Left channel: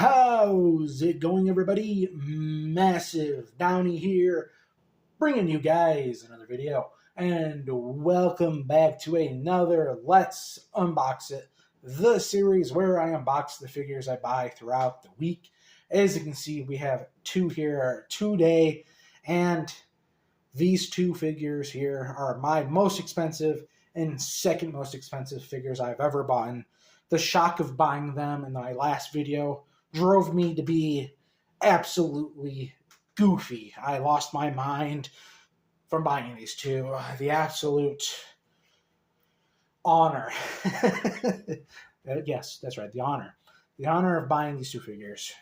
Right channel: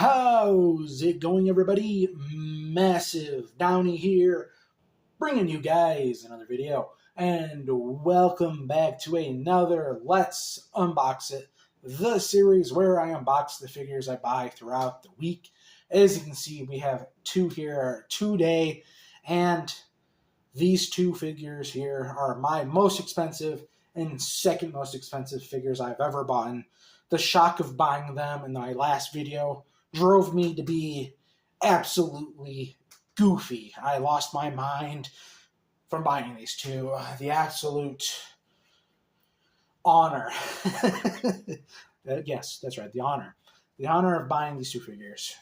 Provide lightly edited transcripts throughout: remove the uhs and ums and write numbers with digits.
How's it going, everybody? Massive Downey here, bringing you guys another video. And welcome back to another Let's Unbox It, the series where I unbox the figures I buy throughout the week. As you can see, we have two here today, and these two figures here are my most expensive and second most expensive figures I've ever bought. The shock of buying them in my last video drove me to be absolutely goofy. I lost my mind from buying these two. The absolute honor. Yes, that's right, the honor. The honor of buying these two figures,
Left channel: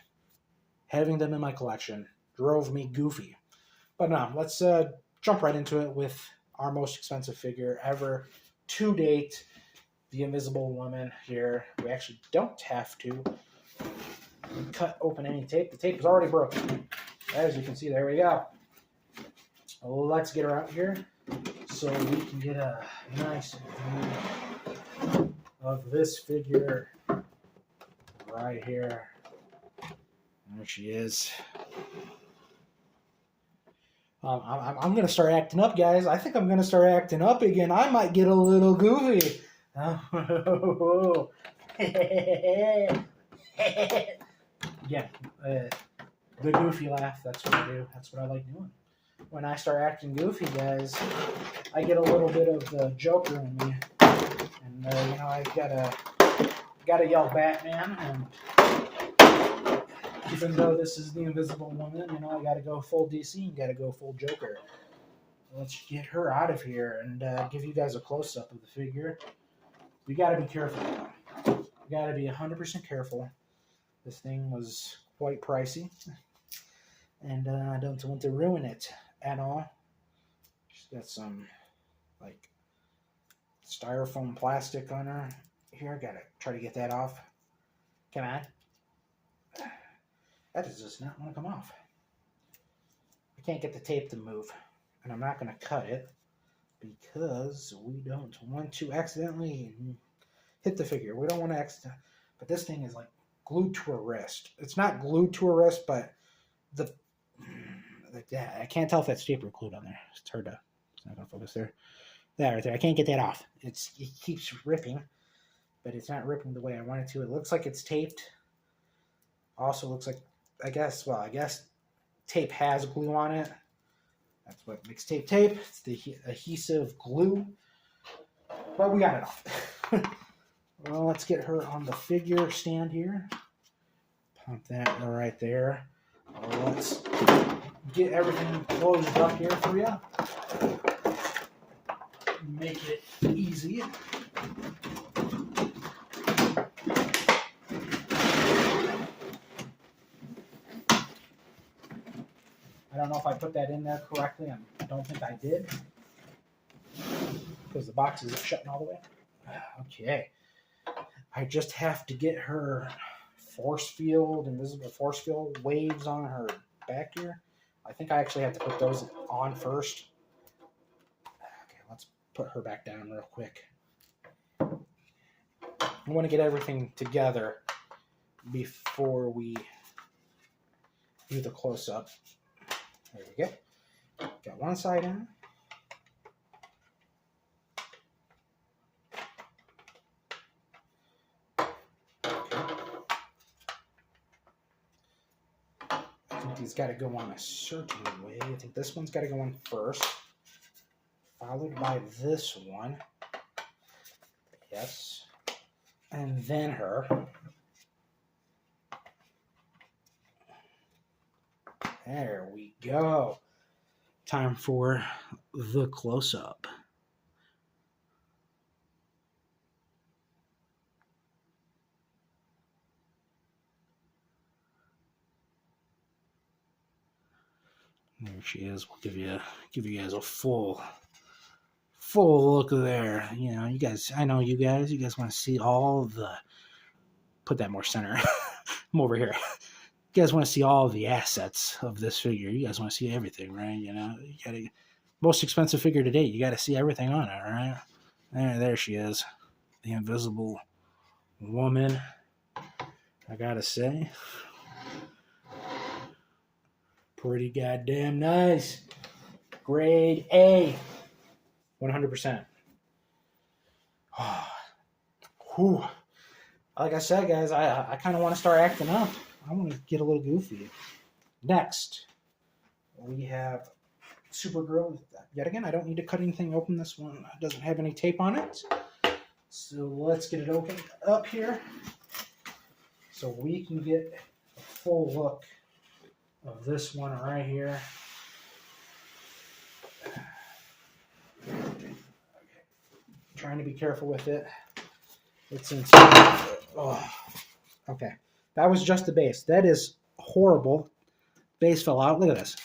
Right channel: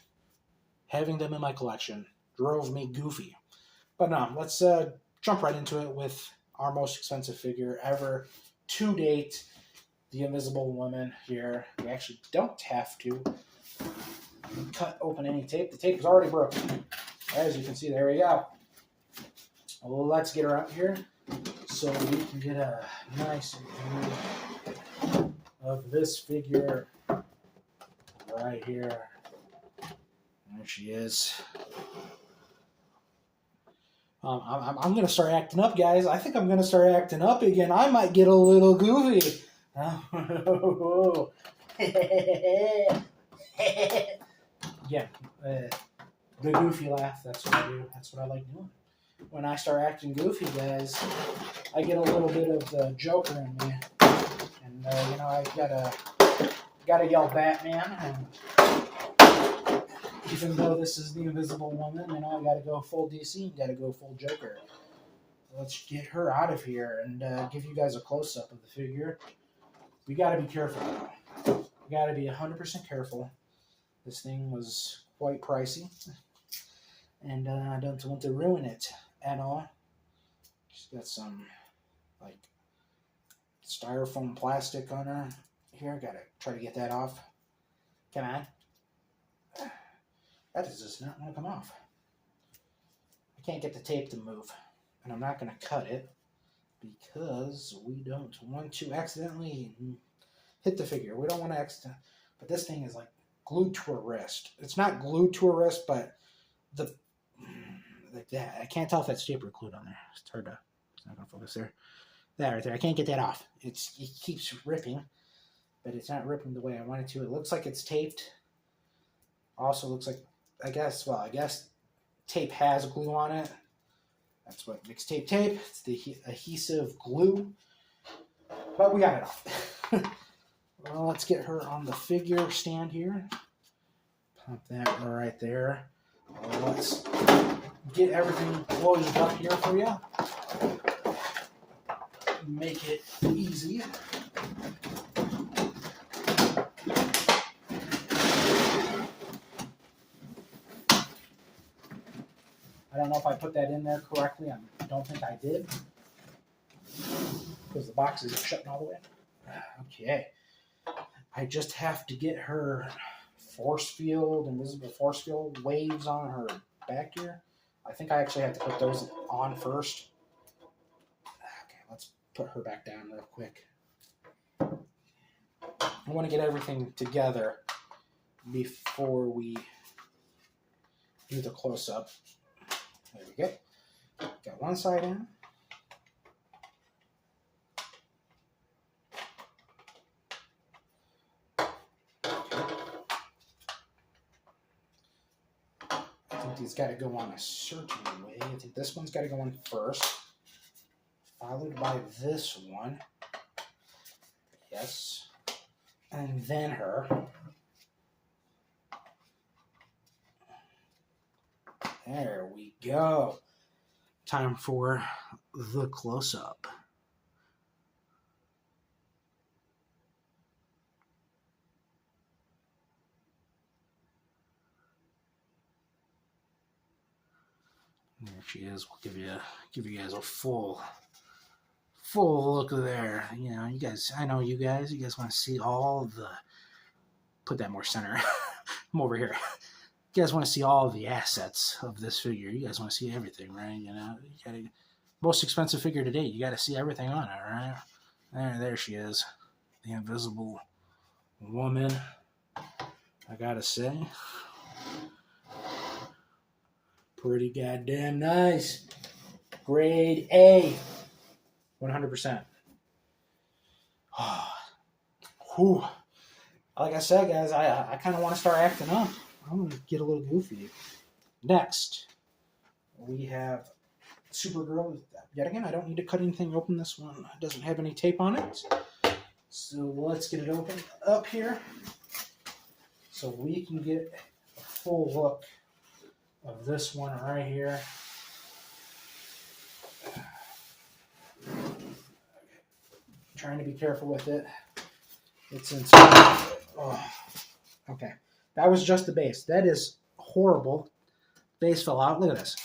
having them in my collection, drove me goofy. But no, let's jump right into it with our most expensive figure ever to date, the Invisible Woman here. We actually don't have to cut open any tape. The tape is already broken. As you can see, there we go. Let's get her out here so we can get a nice view of this figure right here. There she is. I'm going to start acting up, guys. I think I'm going to start acting up again. I might get a little goofy. Yeah, the goofy laugh, that's what I do. That's what I like doing. When I start acting goofy, guys, I get a little bit of the Joker in me. And, I've gotta yell Batman. And even though this is the Invisible Woman, I gotta go full DC, gotta go full Joker. Let's get her out of here and give you guys a close-up of the figure. You gotta be careful. You gotta be 100% careful. This thing was quite pricey, and I don't want to ruin it at all. She's got some, styrofoam plastic on her. Here, gotta try to get that off. Come on. That does not want to come off. I can't get the tape to move, and I'm not going to cut it because we don't want to accidentally hit the figure. We don't want to accidentally, but this thing is glued to her wrist. It's not glued to her wrist, but I can't tell if that's tape or glued on there. It's hard to, it's not going to focus there. That right there, I can't get that off. It keeps ripping, but it's not ripping the way I want it to. It looks like it's taped. Also looks like, I guess tape has glue on it. That's what makes tape tape. It's the adhesive glue. But we got it off. Well, let's get her on the figure stand here. Pump that right there. Let's get everything closed up here for you. Make it easy. I don't know if I put that in there correctly. I don't think I did, because the box isn't shutting all the way. Okay. I just have to get her invisible force field waves on her back here. I think I actually have to put those on first. Okay, let's put her back down real quick. I want to get everything together before we do the close-up. There we go. Got one side in. These got to go on a certain way. I think this one's got to go on first, followed by this one. Yes. And then her. There we go. Time for the close-up. There she is. We'll give you guys a full look there. You guys, I know you guys want to see all the, put that more center. I'm over here. You guys want to see all the assets of this figure. You guys want to see everything, right? You gotta, most expensive figure to date. You got to see everything on it, right? There she is, the Invisible Woman. I gotta say, Pretty goddamn nice. Grade A. 100%. Whew. Like I said, guys, I kind of want to start acting up. I want to get a little goofy. Next, we have Supergirl. Yet again, I don't need to cut anything open. This one doesn't have any tape on it. So let's get it opened up here so we can get a full look of this one right here. Okay. Trying to be careful with it. It's inside. Oh. Okay. That was just the base. That is horrible. Base fell out. Look at this.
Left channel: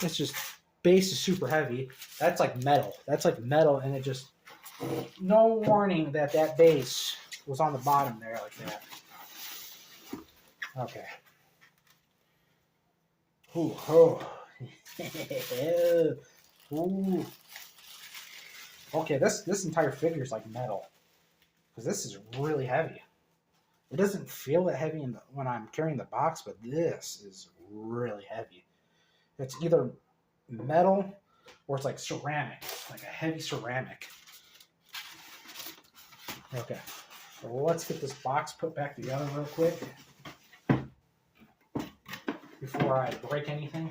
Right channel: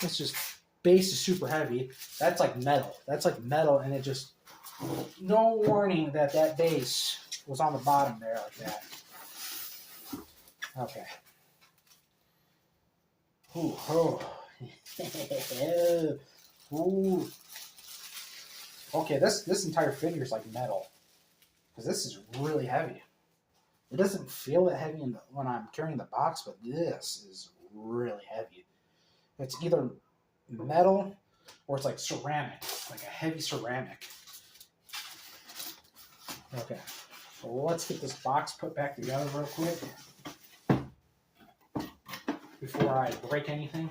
It's just, base is super heavy. That's like metal. That's like metal, and it just, no warning that that base was on the bottom there like that. Okay. Ooh, oh. Ooh. Okay, this entire figure is like metal. Because this is really heavy. It doesn't feel that heavy when I'm carrying the box, but this is really heavy. It's either metal or it's like ceramic, like a heavy ceramic. Okay, so let's get this box put back together real quick before I break anything,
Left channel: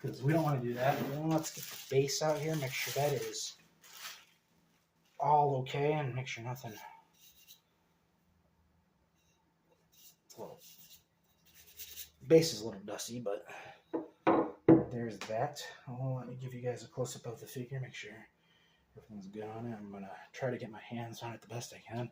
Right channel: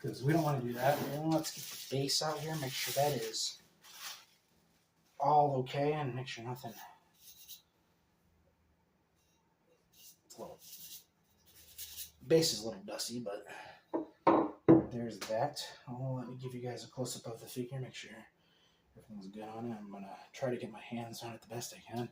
because we don't want to do that. Let's get the base out here, make sure that is all okay, and make sure nothing. Base is a little dusty, but there's that. Oh, let me give you guys a close-up of the figure, make sure everything's good on it. I'm going to try to get my hands on it the best I can.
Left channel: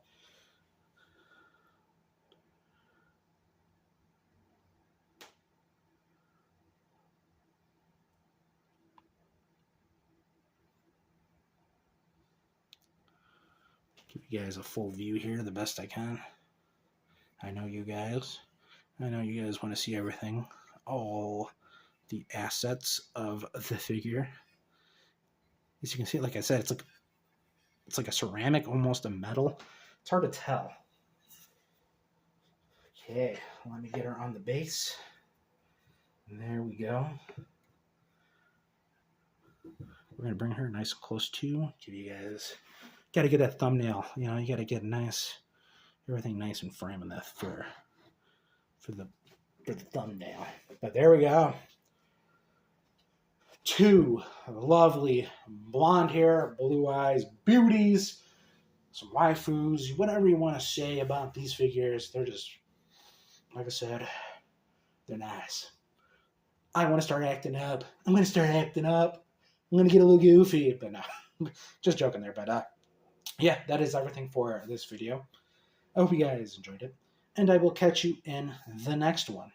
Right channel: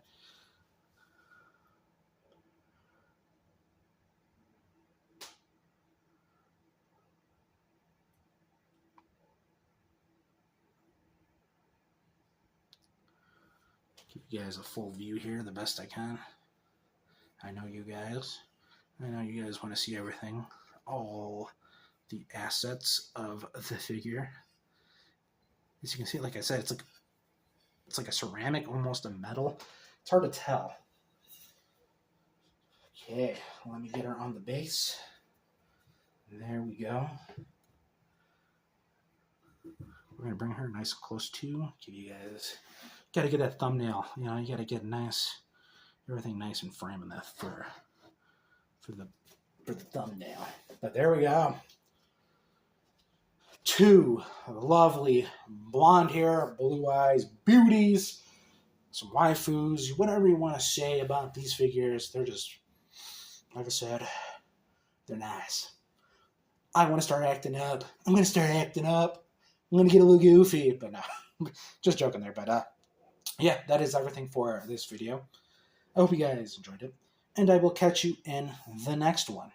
Give you guys a full view here the best I can. I know you guys want to see everything, all the assets of the figure. As you can see, like I said, it's like a ceramic, almost a metal. It's hard to tell. Okay, let me get her on the base. And there we go. We're gonna bring her nice and close to. Give you guys, gotta get that thumbnail. You know, you gotta get nice, everything nice and frame in that for the thumbnail. But there we go. Two lovely blonde hair, blue eyes beauties, some waifus, whatever you want to say about these figures. They're just, like I said, they're nice. I want to start acting up. I'm going to start acting up. I'm going to get a little goofy, but no, just joking there. But yeah, that is everything for this video. I hope you guys enjoyed it, and I will catch you in the next one.